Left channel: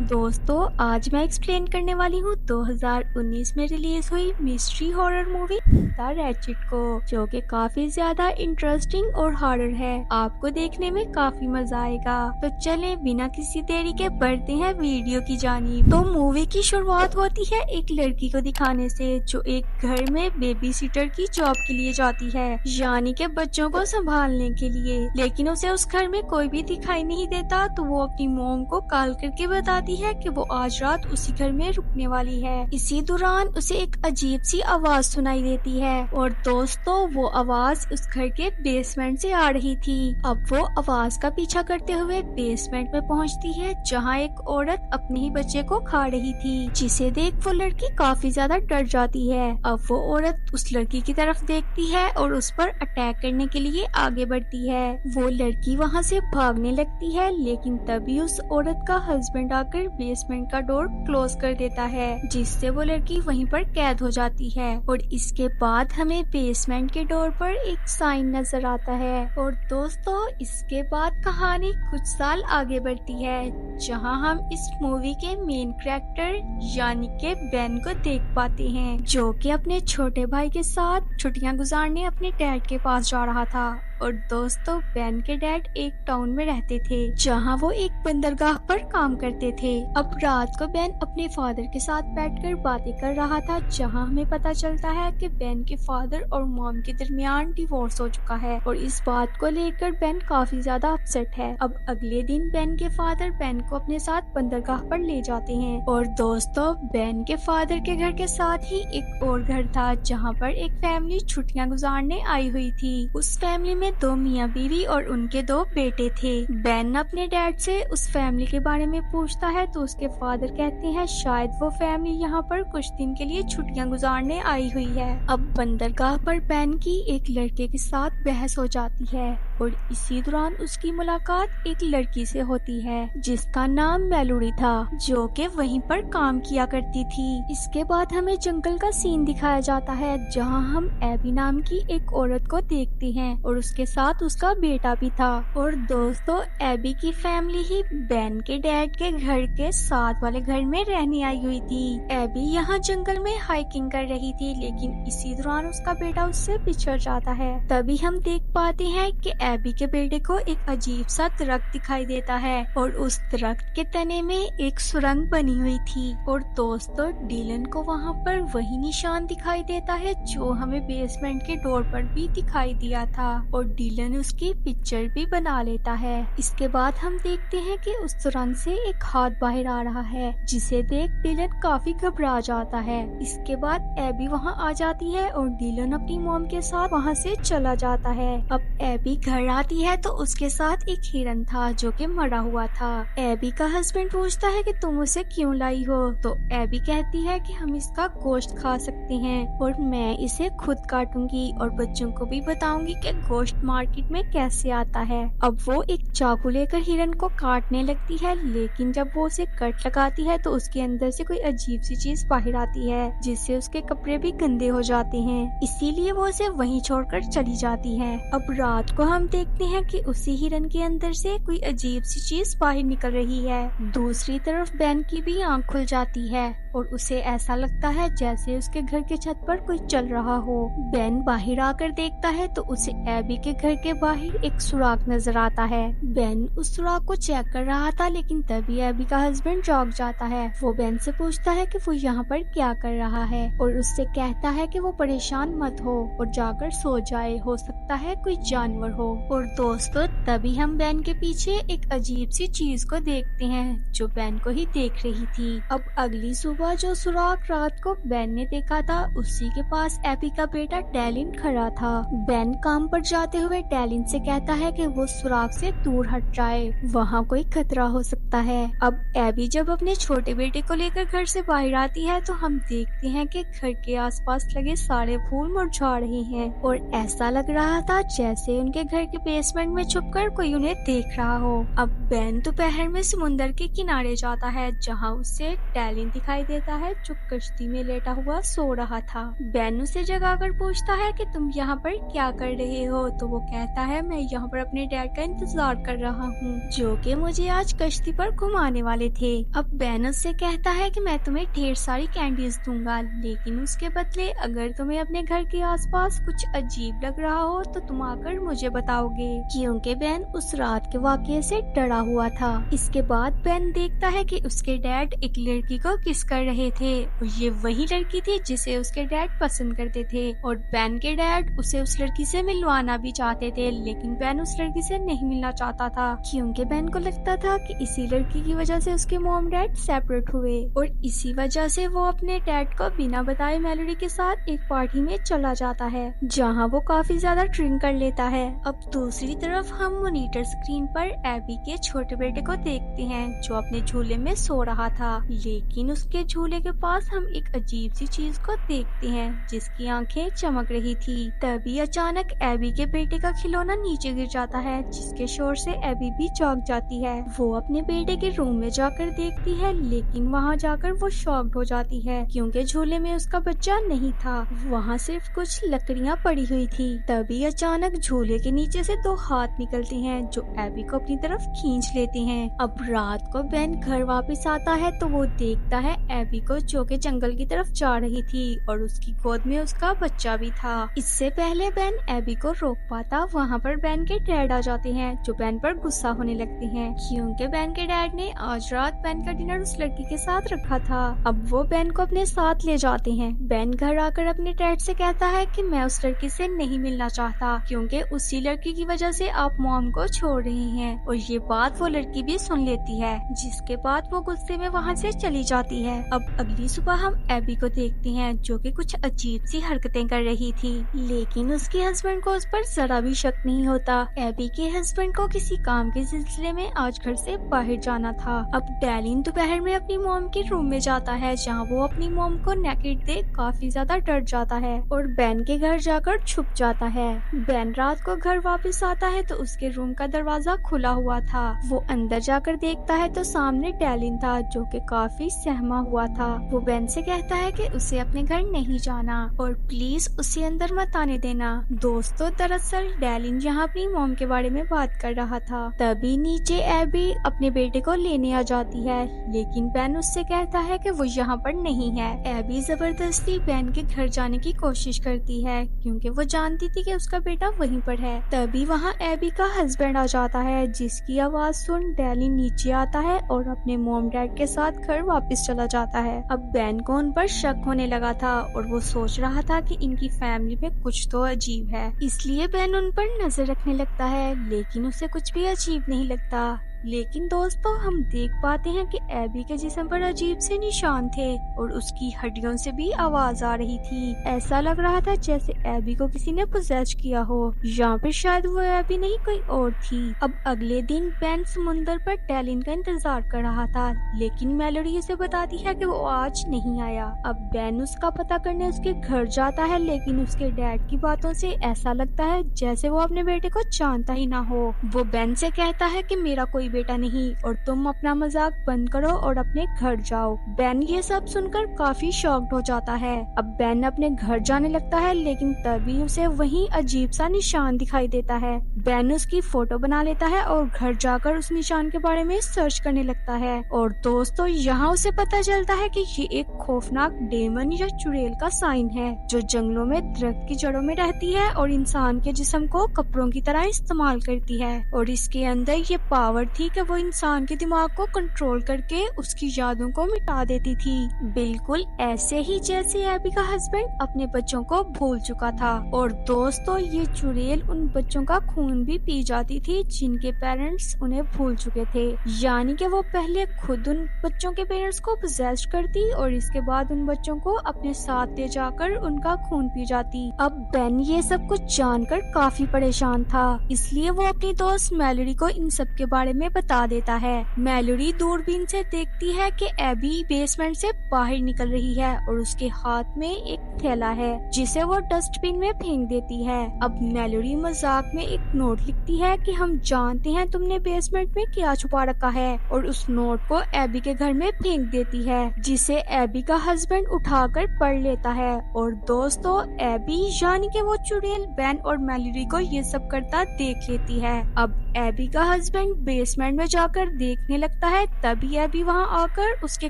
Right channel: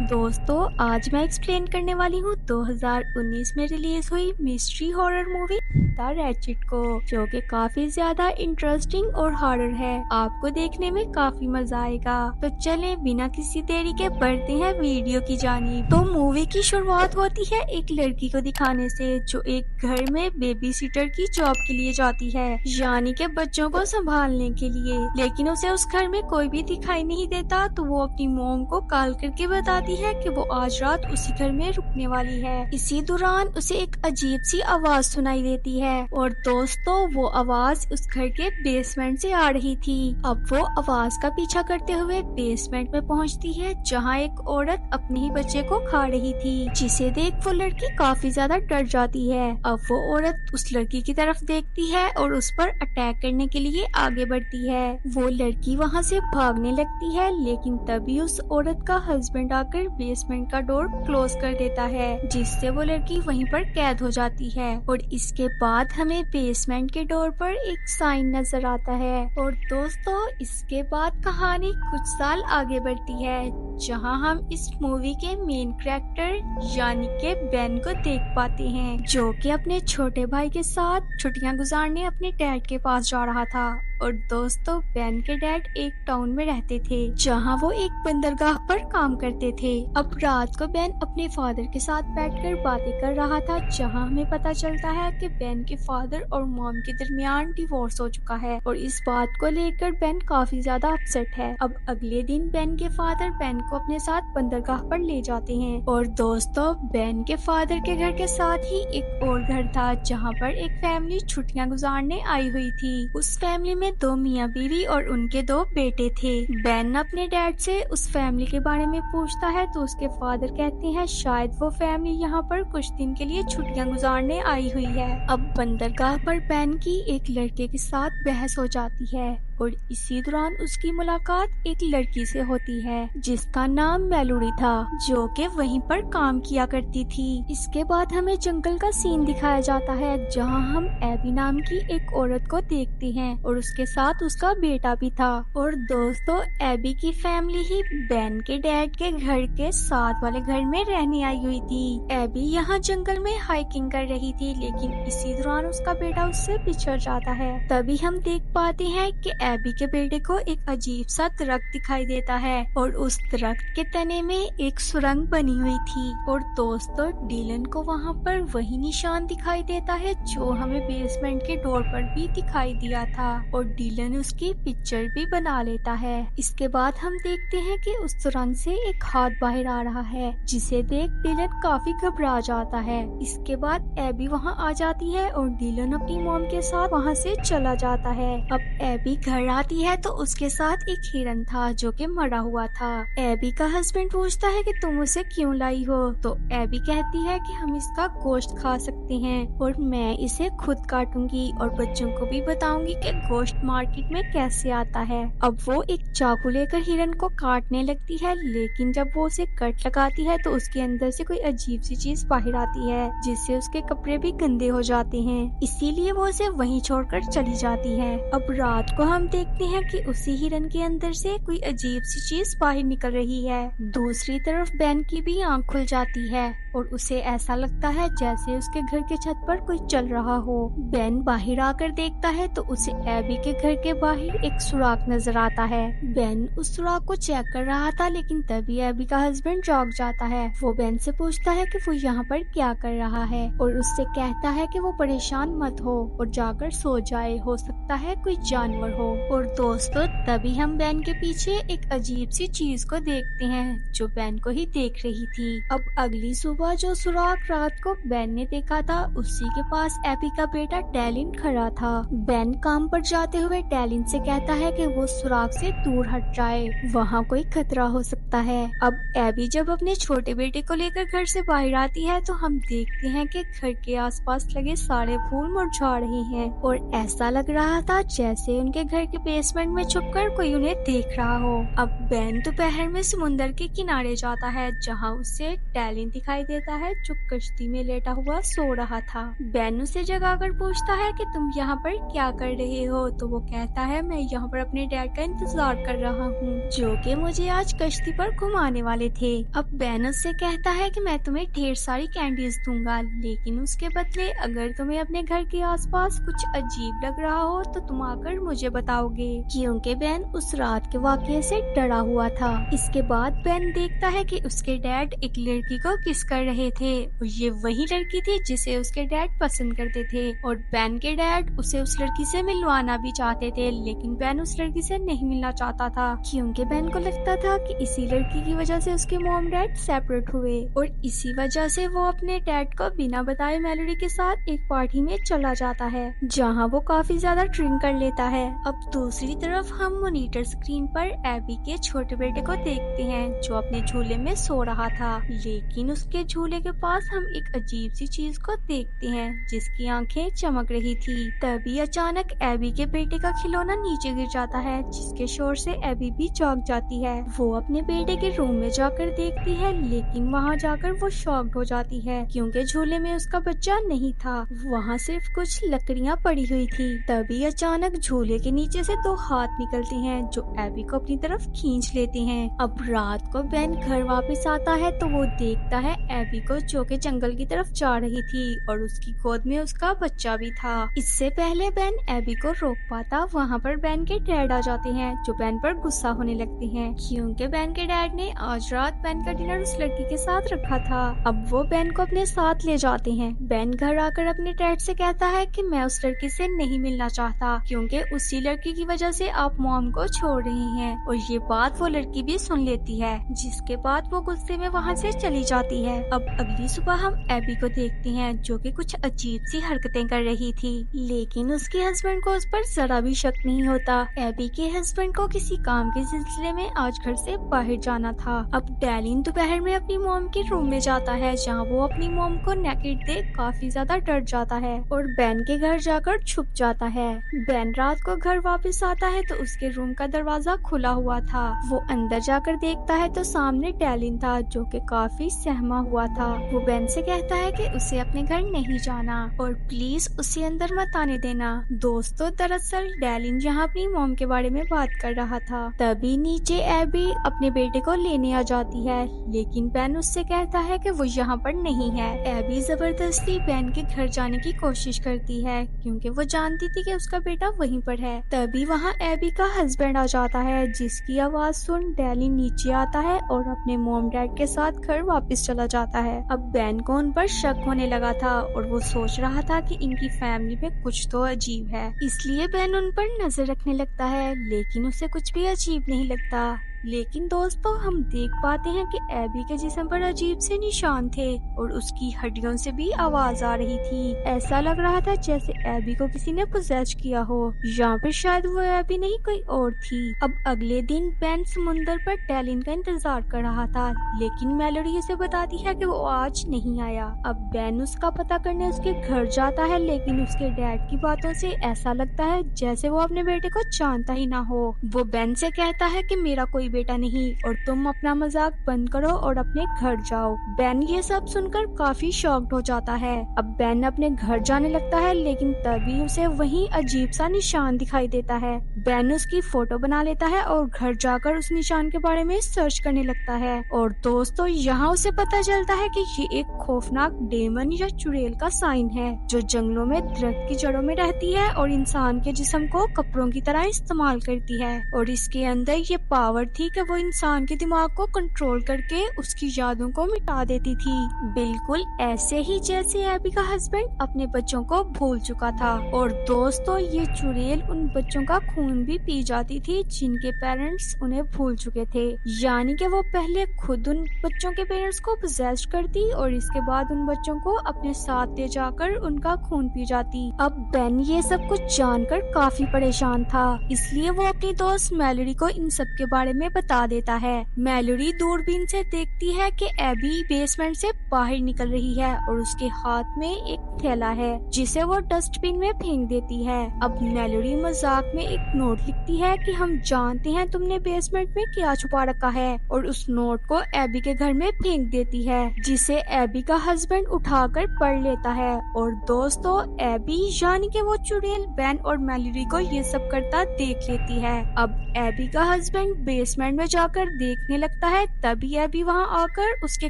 दोस्तों, आज मैं एक्सप्लेन करने वाली हूँ 2019 में रिलीज हुई mystery horror movie the ratchet को, जो कि काफी ज्यादा इंटरेस्टिंग और हॉरर है। आपको देखने में काफी मजा आएगा। तो चलें बिना किसी देरी के बढ़ते हैं वीडियो की जानिब। तो मूवी की शुरुआत होती है एक लड़की को दिखाने से, जो एक घर में बेबी सिटर की जॉब के लिए जाती है, यानी के बच्चों को संभालने के लिए। लेकिन उसे उस घर में कोई भी दिखाई नहीं देता, तो वो अपनी मॉम को कॉल करके बताती है कि वो आज रात उसी घर में रुकने वाली है। इसी दौरान उसे एक अजीब सी आवाज सुनाई देती है और दोस्तों वो आवाज उस घर के बेसमेंट से आ रही थी। अब वो आवाज का पीछा करते हुए बेसमेंट में पहुंचती है, जहां एक औरत अपने ही बच्चे को खा रही थी, जिसे देख वो लड़की काफी ज्यादा डर जाती है। अब वो औरत उस लड़की की तरफ देखती है और उस पर अटैक करने के लिए आगे बढ़ती है। वो लड़की वहाँ से भागने लगती है, लेकिन तभी उस औरत का हस्बैंड आकर बेसमेंट का डोर क्लोज कर देता है, जिससे वो लड़की वहीं पर कैद हो जाती है। और इसके बाद हमें बेसमेंट के डोर पर एक साइन नजर आता है। और दोस्तों इसके बाद कहानी कुछ साल आगे बढ़ती है, जहां हम इस मूवी के मेन कैरेक्टर यानी के बेन को देख पाते हैं, जो कि अपने छोटे भाई के साथ छुट्टियां गुजारने अपने डैड के पास जा रहा था। और दोस्तों बेन के डैड एक टाउन में रहते थे, जहां वो एक बंदरगाह पर काम करते थे। अब रात को बेन अपने फादर के साथ बैठकर बातें कर रहा था, जहां हमें पता चलता है कि बेन के फादर और मॉम के दरमियान डिवोर्स हो चुका है, और इस बात को लेकर बेन काफी ज्यादा अपसेट है। अब अगले दिन बेन के फादर बेन को अपने साथ बंदरगाह पर ले जाते हैं। और दोस्तों बेन के फादर के घर के साथ ही एक और घर था, जहाँ पर एक फैमिली छुट्टियां गुजारने आई हुई थी। उस फैमिली में दो मियाँ बीवी और उनके दो बेटे थे। बेन अपने डैड से उस फैमिली के बारे में पूछता है, तो उसके फादर कहते हैं शायद वो फैमिली यहाँ पर कुछ दिन के लिए छुट्टियां गुजारने आई हुई है। अब बंदरगाह पर बेन की एक लड़के के साथ बहस हो जाती है, और इसी दौरान उसकी मुलाकात एक लड़की से होती है, जिसका नाम मेलोडी था, जो कि वहीं पर काम किया करती थी। इसके बाद हमें जंगल का सीन दिखाया जाता है, जहां हम एबी नाम की एक औरत को देखते हैं, और उसके साथ उसका बेटा भी था। और दोस्तों एबी की फैमिली ही बेन के डैड के घर के साथ वाले घर में रहने आई हुई थी। एबी यहाँ जंगल में हाइकिंग कर रही थी, लेकिन इसी दौरान उसका बेटा उससे बिछड़ जाता है। तभी हम देख पाते हैं कि एबी के बेटे को एक अजीब सा दरख्त दिखाई देता है, और उस दरख्त के तने में एक सुरंग बनी हुई थी। और दोस्तों डीलन को वहाँ पर वही निशान दिखाई देता है, जो हमें बेसमेंट के डोर पर भी दिखाई दिया था, और डीलन उसकी पिक्चर भी बना लेता है। इसके बाद हम देखते हैं कि उस सुरंग से एक हाथ बाहर आ रहा है, जिसे देख डीलन काफी घबरा जाता है। इसके बाद एबी वहाँ आ जाती है, और डीलन अपनी मॉम के साथ वहाँ से चला जाता है। अब एबी घर आती है, तो उसके साथ एक हिरन था, जो कि मरा हुआ था। एबी का हस्बैंड पूछता है कि तुम उसे क्यों लाई हो, तो एबी कहती है कि हम इसका गोश्त खा सकते हैं, और मैं इसे खुद काटूंगी और बच्चों को भी बताऊंगी कि गोश्त मार्केट में कैसे आता है। अब वो एक चाकू लेकर हिरन को काटने लगती है, लेकिन जब वो उसे कट लगाती है, तो उसके अंदर से कोई अजीब सी चीज बाहर आती है, जिससे उसके कपड़े भी गंदे हो जाते हैं। इसीलिए वो उसे वहीं छोड़कर चली जाती है। अब रात को हम देखते हैं कि उसी हिरन के अंदर से कोई अजीब सी चीज बाहर निकल रही है। दूसरी तरफ बेन की भी आंख खुल जाती है, और उसे ऐसा लगता है जैसे उसके घर के छत पर कोई चल रहा हो। बेन बाहर आकर देखता है, तो उसे एबी के घर के बाहर एक सुराग नजर आता है। बेन उस सुराग को चेक कर रहा था, लेकिन तभी एबी का हस्बैंड जाग जाता है। वो बेन से पूछता है कि वो यहाँ पर क्या कर रहा है, और उससे कहता है कि वो परेशान मत हो और जाकर सो जाए, हो सकता है कोई जानवर हो। और दोस्तों तभी हम बेन के पीछे एक अजीब सी चीज को देखते हैं, जो बेन को ही देख रही थी। अब अगली सुबह जो सुराग रात को बेन ने देखा था, उसी के पास एबी का बेटा डैलिन खड़ा था। बेन काम पर जाते हुए डैलिन से कहता है कि वो सुराग से दूर हट जाए, वहाँ कोई खतरा हो सकता है। अब एबी जब अपने छोटे बेटे को लेकर घर से बाहर आती है, तो हम देखते हैं कि घर के आसपास लगे सारे फूल मुरझा रहे हैं, और ऐसा लग रहा था जैसे उनके घर घर के बेसमेंट में छुपकर कोई उन्हें देख रहा हो। अब बेन दोपहर में समुंदर के किनारे जाता है जहाँ उसे डैलिन दिखाई देता है जो कश्ती में लेटा हुआ सो रहा था। बेन उसे जगाकर पूछता है कि तुम यहाँ पर क्या कर रहे हो, तो वो कहता है मैं यहाँ पर अपने डैड का इंतजार कर रहा हूँ जो कि मुझे आज कश्ती पर घुमाने वाले थे। अब बेन उससे कहता है कि मैं तुम्हें ढेर सारी कैंडीज दूंगा, लेकिन उसके बदले अगर तुम्हें अपने घर के आसपास कुछ अजीब लग रहा हो तो तुम आकर मुझे बताओगे, क्योंकि बेन उस रात के वाकये से डरा हुआ था। इसके बाद बेन देखता है कि उसके डैड एक लड़की को किस कर रहे थे और ये वही लड़की थी जिसे उसके डैड पसंद करते थे और बेन के डैड उसे उस लड़की से मिलवाना भी चाहते थे, लेकिन बेन उस लड़की से नहीं मिलना चाहता था क्योंकि बेन को लगता था कि इसी लड़की की वजह से उसके मॉम डैड सेपरेट हुए और इसी वजह से वो अपने डैड को बिना बताए मेलोडी के साथ एक पार्टी में चला जाता है जहां वो काफी ज्यादा ड्रिंक कर लेता है। अब दूसरी तरफ हम मॉनिटर स्क्रीन पर एबी के छोटे बेटे को देखते हैं जो अपने झूले में सो रहा था, लेकिन उसके झूले के पास हम एक अजीब सी चीज को देखते हैं जिसकी आंखें चमक रही थी। तभी अचानक एबी के बेटे का खिलौना नीचे गिर जाता है जिसके शोर से एबी भी जाग जाती है। वो अपने बेटे के रूम में जाकर देखती है, लेकिन वहाँ जाकर वो शॉक्ड हो जाती है क्योंकि झूले में उसका बच्चा नहीं था, वहाँ सिर्फ कुछ लकड़ियाँ पड़ी हुई थी। तभी अचानक झूले के नीचे से दो हाथ निकलते हैं जो एबी को अपनी तरफ खींच लेते हैं। अब रात को बेन घर वापस आता है तो वो देखता है एबी को जो कि जंगल की तरफ जा रही थी और उसकी गोद में उसका बच्चा भी था। इससे पहले बेन एबी को रोक पाता, वहाँ पर बेन के डैड आ जाते हैं जो बेन पर गुस्सा होने लगते हैं क्योंकि बेन के डैड ने आज रात बेन का डिनर उस लड़की के साथ रखा था। अब वो बेन को अपने साथ ले जाते हैं। बेन घर आकर अपने डैड से कहता है कि मैं उस लड़की से नहीं मिलना चाहता क्योंकि उसी लड़की की वजह से आप मॉम को छोड़ रहे हैं, और ये बात वो लड़की भी सुन लेती है जिसके बाद वो गुस्से में वहाँ से चली जाती है। अब अगली सुबह हम एबी को देखते हैं जो कि कुछ अजीब सी हरकतें कर रही थी, लेकिन उसके हस्बैंड को उस पर जरा भी शक नहीं होता। एबी के हस्बैंड को किसी काम के सिलसिले में आज घर से बाहर जाना था। अब डैलिन दोपहर में अपनी मॉम के रूम में जाता है जहाँ वो अपनी मॉम को नेकेड देख काफी ज्यादा डर जाता है और बेन के घर जाकर छुप जाता है। बेन रात को घर वापस आता है तो उसके रूम का दरवाजा खुला हुआ था। वो अंदर जाकर देखता है तो सामने डैलिन था जो कि काफी सहमा हुआ था। वो बेन से कहता है कि उसे अपने घर नहीं जाना और प्लीज उसे अंदर मत आने देना। दोस्तों, दरअसल डैलिन यहाँ अपनी मॉम के बारे में बात कर रहा था। तभी नीचे एबी अपने बेटे को लेने आ जाती है, लेकिन बेन उससे कहता है कि वो यहाँ पर नहीं है। एबी जबरदस्ती बेन के घर जाने की कोशिश करती है क्योंकि वो जानती थी कि उसका बेटा वहीं पर है। तभी वहाँ एबी का हस्बैंड आ जाता है जिसकी आवाज सुन डैलिन नीचे आता है और अपने मॉम डैड के साथ घर वापस चला जाता है। अब बेन को उन पर शक होने लगा था और वो सोच रहा था कि इनकी फैमिली में कुछ तो अजीब है, इसलिए बेन उन पर नजर रखने लगता है, लेकिन उसे कुछ भी अजीब नहीं लगता। लेकिन दोस्तों, हम देख पाते हैं कि एबी के जिस्म पर अजीब से निशान थे और उसकी हड्डियों से भी आवाज आ रही थी। ऐसा लग रहा था जैसे एबी को किसी ने पोजेस किया हो, यहाँ पे शायद वो एबी नहीं कोई और थी। अब अगले दिन बेन समुंदर पर डैलिन का इंतजार कर रहा था, लेकिन मेलोडी उसे बताती है कि वो आज नहीं आया। अब बेन उसका पता करने उसके घर जाता है, लेकिन उसके डैड की बातों से ऐसा लगता है जैसे वो अपने बेटे को जानता ही ना हो। वो बेन से कहता है कि मेरा कोई बेटा नहीं और तुम अपना मजाक बंद करो और अपने घर जाओ। बेन ये सब सुनकर काफी शॉक्ड हो जाता है। अब बेन अपने घर जाने लगता है, लेकिन तभी उसे वहीं अजीब सा निशान दिखाई देता है। बेन उसकी फोटो बना लेता है और घर जाकर उस निशान के बारे में सर्च करने लगता है। और दोस्तों, यहाँ उसे पता चलता है कि ये एक खौफनाक डेमन या चुड़ैल का साइन है जो जंगलों में दरख्त की जड़ों में रहती है और इंसान के जिस्म को कपड़ों की तरह इस्तेमाल करती है। और इसके अंदर ये पावर थी कि वो इंसान के दिमाग को कंट्रोल करके उसकी यादों को मिटा देती थी, बिल्कुल ऐसे ही जैसे एबी का हस्बैंड अपने बच्चों को भूल चुका था। और दोस्तों, ये चुड़ैल उन बच्चों का खून भी पी जाती थी जिनके पेरेंट्स उन्हें भूल चुके थे, यानी कि वो पहले खुद उन बच्चों के पेरेंट्स को पोजेस करती और इसके बाद उन बच्चों को अपने साथ ले जाकर उनका खून पी जाती। अब बेन ये सब कुछ जानकर काफी परेशान था, इसलिए वो अपनी दोस्त मेलोडी को इन सब के बारे में उन्हें बता देता है। मैलोरी दूरबीन से देखती है कि एबी बेसमेंट से बाहर निकल रही है और उसके हाथ में एक थैला है जिसे वो डस्टबिन में फेंक देती है। अब मैलोरी मजाक में एक नोट लिखती है कि हम जानते हैं तुमने बेसमेंट में क्या छुपा रखा है, और उस नोट को एबी के घर में फेंक देती है जिसे एबी का हस्बैंड उठाकर पढ़ लेता है। और दोस्तों, एबी यानी कि वो चुड़ैल बेन और मैलोरी को ये सब करता देख लेती है। अब एबी का हस्बैंड बेसमेंट में जाकर देखने लगता है, तभी एबी वहाँ आकर उसके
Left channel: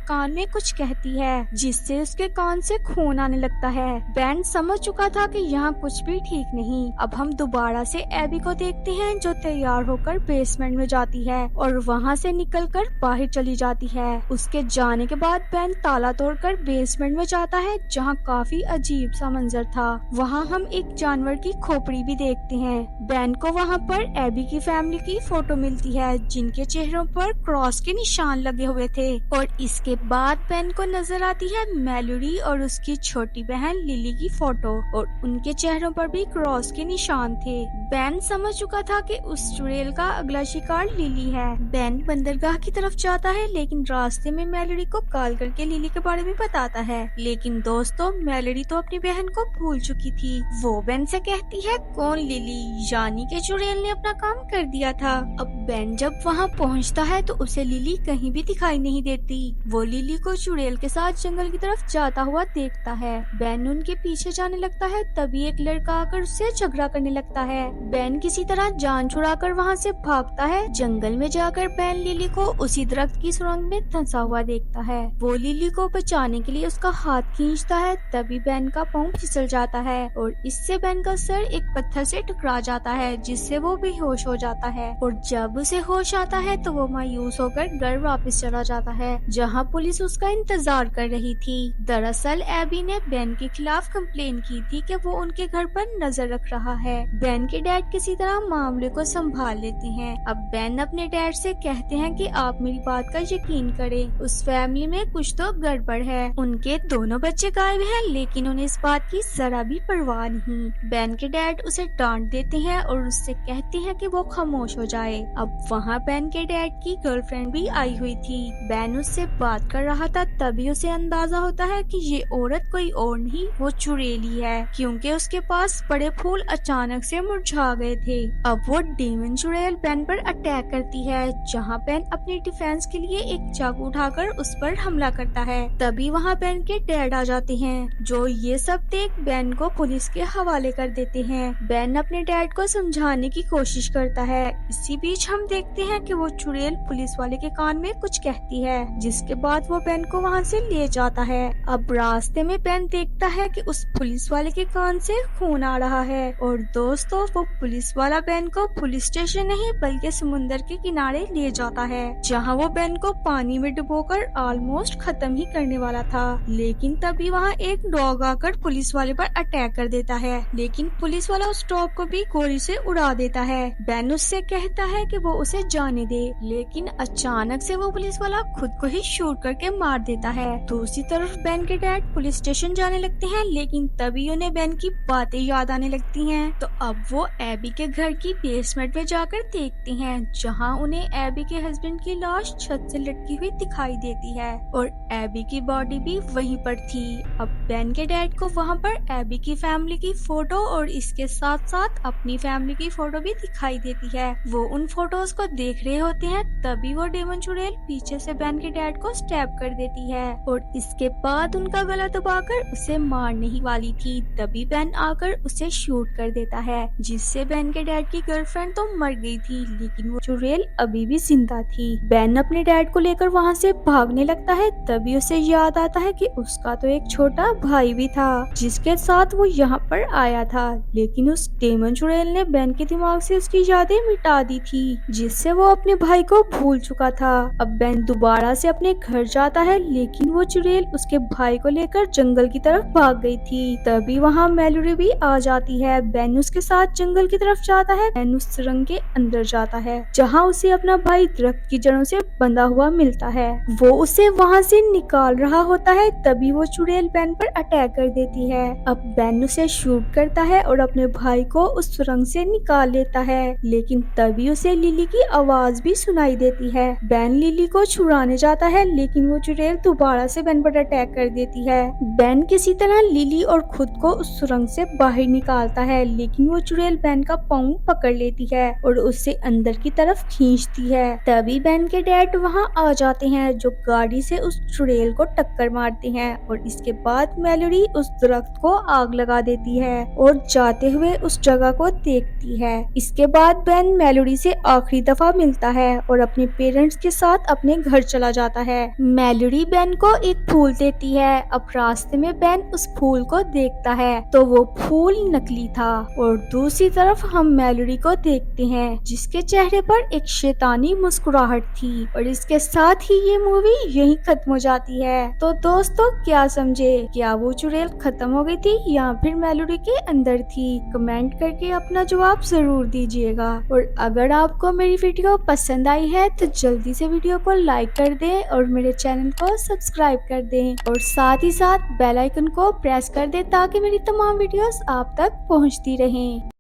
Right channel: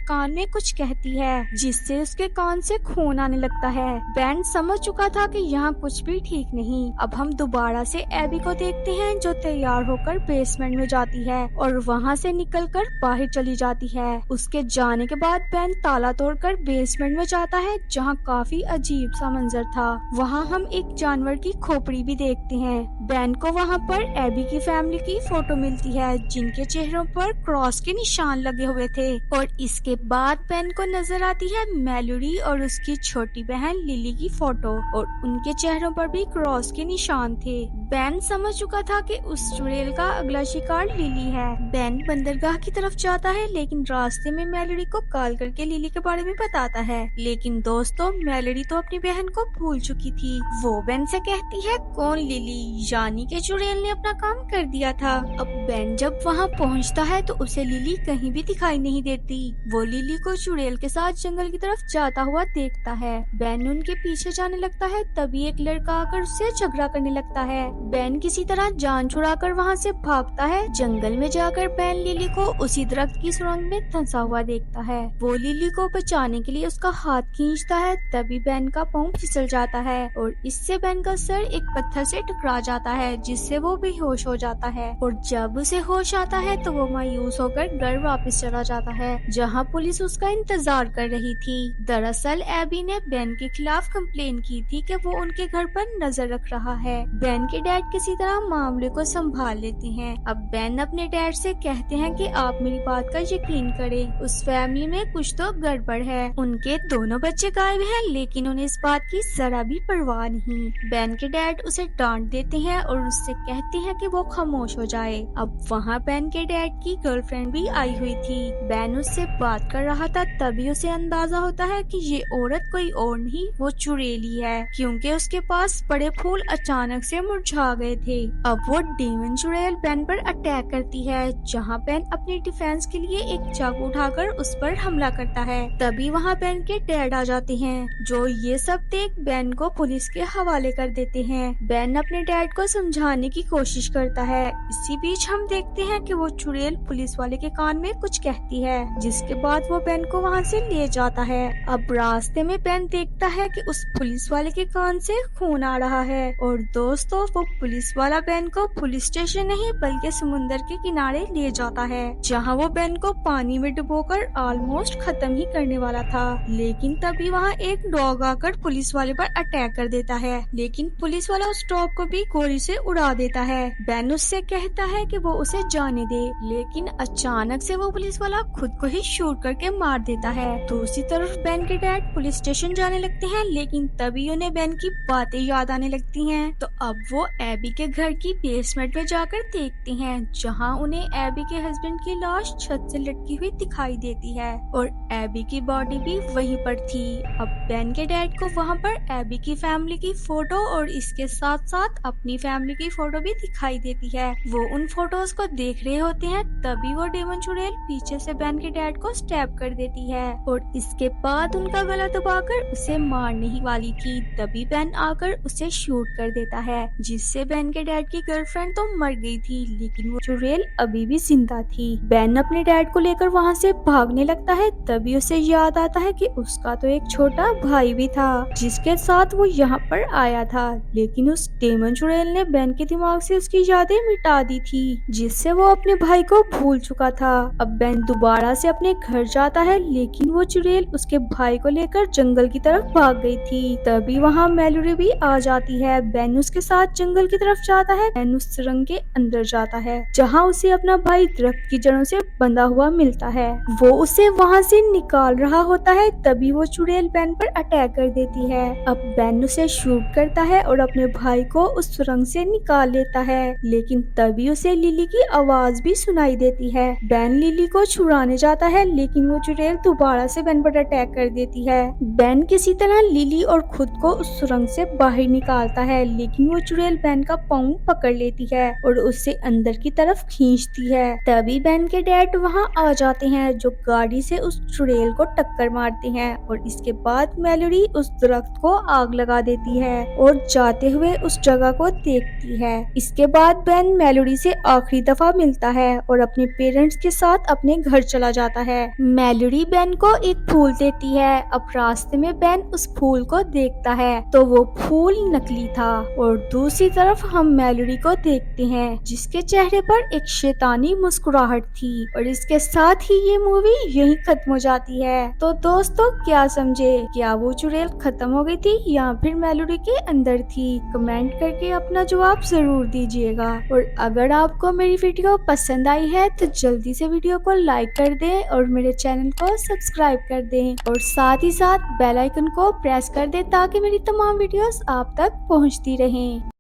कान में कुछ कहती है जिससे उसके कान से खून आने लगता है। बेन समझ चुका था कि यहाँ कुछ भी ठीक नहीं। अब हम दोबारा से एबी को देखते हैं जो तैयार होकर बेसमेंट में जाती है और वहाँ से निकलकर बाहर चली जाती है। उसके जाने के बाद बेन ताला तोड़कर बेसमेंट में जाता है जहाँ काफी अजीब सा मंजर था। वहाँ हम एक जानवर की खोपड़ी भी देखते हैं। बेन को वहाँ पर एबी की फैमिली की फोटो मिलती है जिनके चेहरों पर क्रॉस के निशान लगे हुए थे। और इसके बाद बेन को नजर आती है मैलोरी और उसकी छोटी बहन लिली की फोटो, और उनके चेहरों पर भी क्रॉस के निशान थे। बेन समझ चुका था कि उस चुड़ैल का अगला शिकार लिली है। बेन बंदरगाह की तरफ जाता है लेकिन रास्ते में मैलोरी को कॉल करके लिली के बारे में बताता है। लेकिन दोस्तों, मैलोरी तो अपनी बहन को भूल चुकी थी। वो बेन से कहती है, कौन लिली? यानी कि चुड़ैल ने अपना काम कर दिया था। अब बेन जब वहाँ पहुँचता है तो उसे लिली कहीं भी दिखाई नहीं देती। वो लिली को चुड़ैल के साथ जंगल की तरफ जाता हुआ देखता है। बेन उनके पीछे जाने लगता है, तभी एक लड़का आकर उससे झगड़ा करने लगता है। बेन किसी तरह जान छुड़ाकर वहाँ से भागता है। जंगल में जाकर बेन लिली को उसी दरख्त की सुरंग में धंसा हुआ देखता है। वो लिली को बचाने के लिए उसका हाथ खींचता है, तभी बेन का पाँव फिसल जाता है और इससे बेन का सर एक पत्थर से टकरा जाता है जिससे वो बेहोश हो जाता है। और जब उसे होश आता है तो वो मायूस होकर घर वापस चला जाता है जहाँ पुलिस उसका इंतजार कर रही थी। दरअसल एबी ने बेन के खिलाफ कंप्लेन की थी कि वो उनके घर पर नजर रख रहा है। बेन के डैड किसी तरह मामले को संभाल लेते हैं। अब बेन अपने डैड से कहते हैं कि आप मेरी बात का यकीन करें, उस फैमिली में कुछ तो गड़बड़ है। उनके दोनों बच्चे गायब हैं लेकिन उन्हें इस बात की जरा भी परवाह नहीं। बेन के डैड उसे डांट देते हैं और उससे कहते हैं कि वो खामोश हो जाए। अब वहाँ बेन के डैड की गर्लफ्रेंड भी आई हुई थी। बेन उससे बात कर रहा था, तभी उसे अंदाजा होता है कि ये औरत कोई और नहीं, वो चुड़ैली है, क्योंकि उसके पास बड़े फूल अचानक से मुरझा गए थे। अब वो डेमन चुड़ैल बेन पर अटैक करती है, जहाँ बेन अपनी डिफेंस के लिए एक चाकू उठाकर उस पर हमला करता है। तभी वहाँ बेन के डैड आ जाते हैं, जो ये सब देख बेन को पुलिस के हवाले कर देते हैं। बेन अपने डैड को समझाने की कोशिश करता है। इसी बीच हम देखते हैं कि वो चुड़ैल पुलिस वाले के कान में कुछ कहती है, जिसके बाद वो बेन को वहाँ से ले जाता है। अब रास्ते में बेन देखता है कि उस पुलिस वाले के कान से खून आ रहा है। और दोस्तों, वो पुलिस वाला बेन को पुलिस स्टेशन नहीं बल्कि समुंदर के किनारे ले जाता है, जहाँ वो बेन को पानी में डुबोकर ऑलमोस्ट खत्म ही करने वाला था। लेकिन तभी वहाँ एक डॉग आकर पुलिस वाले पर अटैक कर देता है, लेकिन पुलिस वाला उस डॉग को भी गोली से उड़ा देता है। बेन उससे कहता है कि वो उसे जाने दे, लेकिन अचानक से वो पुलिस वाला खुद को ही शूट करके मार देता है। दूसरी तरफ बेन के डैड पुलिस स्टेशन जाने लगते हैं, लेकिन तभी उन्हें बेन की बातें याद आने लगती हैं। तो अब वो एबी के घर की बेसमेंट में जाकर देखते हैं, जहां उन्हें एबी के हस्बैंड की लाश छत से लटकी हुई दिखाई देती है और एबी की बॉडी भी वहीं पर थी। अब बेन के डैड को वहाँ पर एबी की फैमिली की फोटो और इसके साथ साथ अपनी फैमिली की फोटो भी दिखाई देती है। वो उन फोटोज को देख रहे होते हैं, तभी वो डेमन चुड़ैल पीछे से बेन के डैड को स्टैब कर देती है और इसके बाद उनका गला दबाकर उसे मारने ही वाली थी। तभी बेन आकर उसे शूट कर देता है, जिससे बेन के डैड की गर्लफ्रेंड तो मर गई थी, लेकिन वो चुड़ैल अभी भी जिंदा थी। बेन अपने डैड को लेकर वहाँ से भागने लगता है, तभी उसे याद आता है कि उसका तो एक छोटा भाई भी था जिसके साथ वो यहाँ पर आया था, लेकिन उस डेमन चुड़ैल ने बेन के दिमाग से उसकी यादें मिटा दी थी, जिससे वो अपने भाई को भूल चुका था। अब बेन दोबारा से अपने घर जाता है, लेकिन वो चुड़ैल उसके भाई को लेकर जंगल की तरफ भाग गई थी। तभी वहाँ मैलोरी भी आ जाती है। बेन उसके साथ जंगल की तरफ जाता है। बेन उस सुरंग के अंदर जाता है, जहाँ उसे अपना भाई दरख्त की जड़ों से बंधा हुआ मिलता है। वो उसे वहाँ से निकाल रहा होता है, तभी वो चुड़ैल बेन पर अटैक कर देती है। अब बेन उसे शूट करता है और अपने भाई को उस सुरंग से निकाल लेता है, लेकिन तभी उसे लिली की आवाज आवाज भी सुनाई देती है। बेन लिली को छुड़ाने जाता है, लेकिन वो चुड़ैल दोबारा से बेन पर अटैक कर देती है। बेन किसी तरह लिली और खुद को उस सुरंग से बाहर निकालता है, लेकिन वो चुड़ैल बेन का पाँव पकड़ लेती है और उससे अंदर की तरफ खींचती है। तभी बेन के डैड वहाँ आ जाते हैं, जो गाड़ी से उस चुड़ैल को टक्कर मारते हैं और इसके बाद मेलोडी उस दरख्त को आग लगा देती है और जाते हुए उस जगह को देखती है। इसके बाद बेन मेलोडी से आखिरी दफा मिलता है और अपने पेरेंट्स के साथ अपने घर चला जाता है। मेलोडी बेन को एक फूल देती है। अब रास्ते में बेन उस फूल को देखता है तो वो फूल नकली था और दूसरी तरफ हम मेलोडी को देखते हैं, जिसके चेहरे पर एक शैतानी मुस्कुराहट थी। और इसके साथ ही ये मूवी यहीं खत्म हो जाती है। तो दोस्तों, क्या समझे? क्या वो चुड़ैल खत्म हो गई थी या फिर मेलोडी के अंदर थी? कमेंट करके अपना जवाब जरूर दीजिएगा। और अगर आपको मेरी वीडियो पसंद आई है तो जल्दी से वीडियो को लाइक कर दें और मेरे चैनल को सब्सक्राइब कर दें और साथ ही साथ बेल आइकन को प्रेस कर दें ताकि मेरी तमाम वीडियोस आप तक पहुंचती रहें।